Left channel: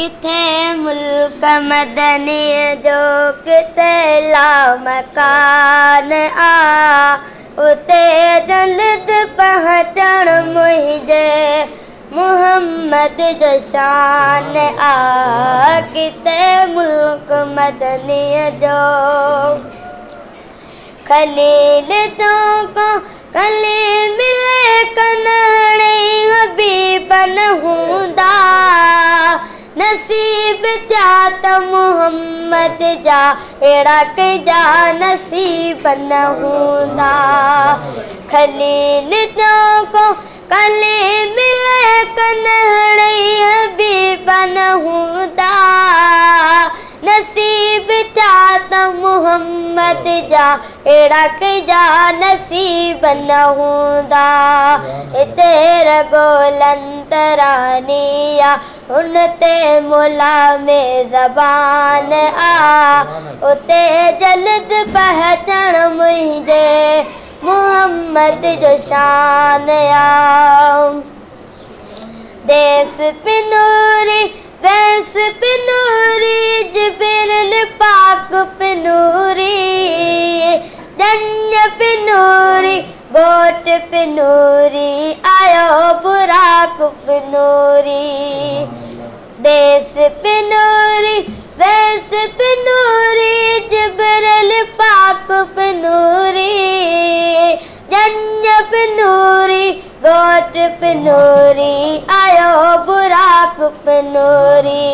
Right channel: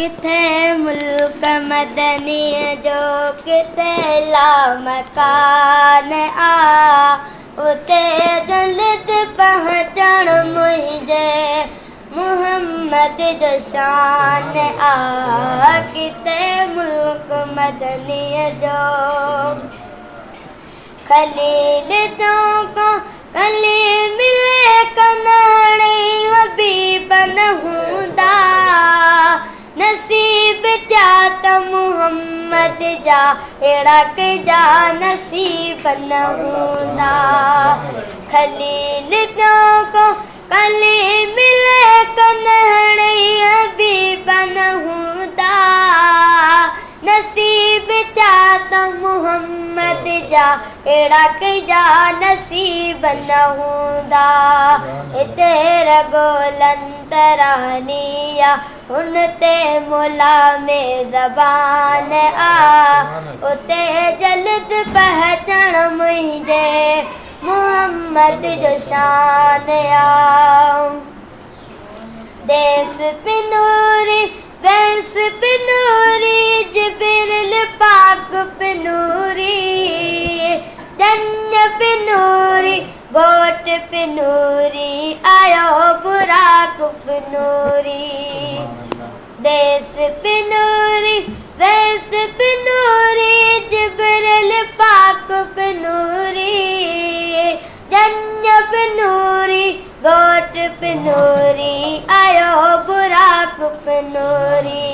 किथे मुल्क मदनी जो किथे ला मकान आ उते जन्नत पहुचण मुंहिंजे मुहम्मद जो शान आ किथे मुल्क मदनी जो खलील तो को कली मिले कन्हड़े हबीबन हूंदा नसीब जा त मुहम्मद जा अहिड़ा कजा नसीब न हूंदा खलील तो को कली मिले कन्हड़े हबीबन हूंदा नसीब जा त मुहम्मद जा अहिड़ा कजा नसीब न हूंदा हिते रगोलंतरानी आ हुन ते मुला में ज़बान आ उते जल्द पहचण मुंहिंजे मुहम्मद जो शान आ देस पिनूरी वैस पिनूरी जिब्रील पाक पिनूरी जन्य पिनूरी गोट पिनूरी आयो बुराक पिनूरी देस पिनूरी वैस पिनूरी जिब्रील पाक पिनूरी जन्य पिनूरी गोट पिनूरी आयो बुराक पिनूरी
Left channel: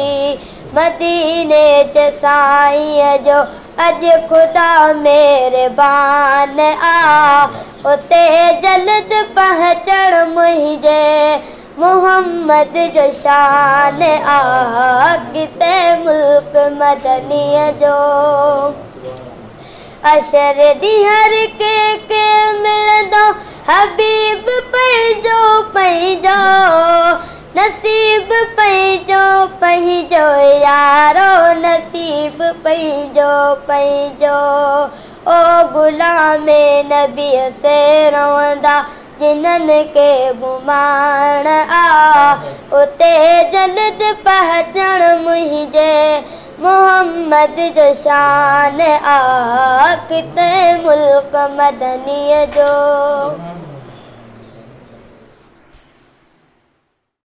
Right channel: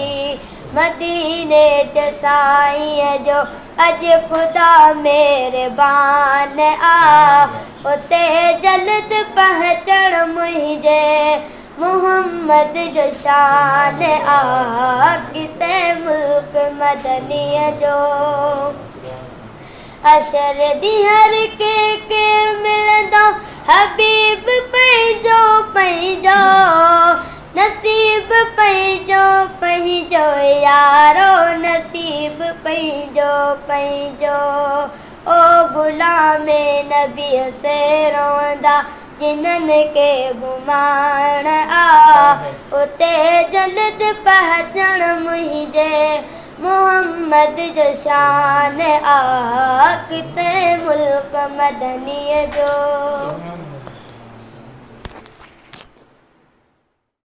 मदीने च साईं जो अॼु ख़ुदा मेहरबान आ उते जल्द पहुचण मुंहिंजे मुहम्मद जो शान आ किथे मुल्क मदनीअ जो अशर हर के मिलंदो हबीब पंहिंजो पंहिंजो नसीब पंहिंजो पंहिंजो यारो नसीब पंहिंजो पंहिंजो ओ गुलाम नबी से रोंदा जिन्हनि के घुमाइण आ उते जन्नत पहुचण मुंहिंजे मुहम्मद जो शान आ किथे मुल्क मदनीअ जो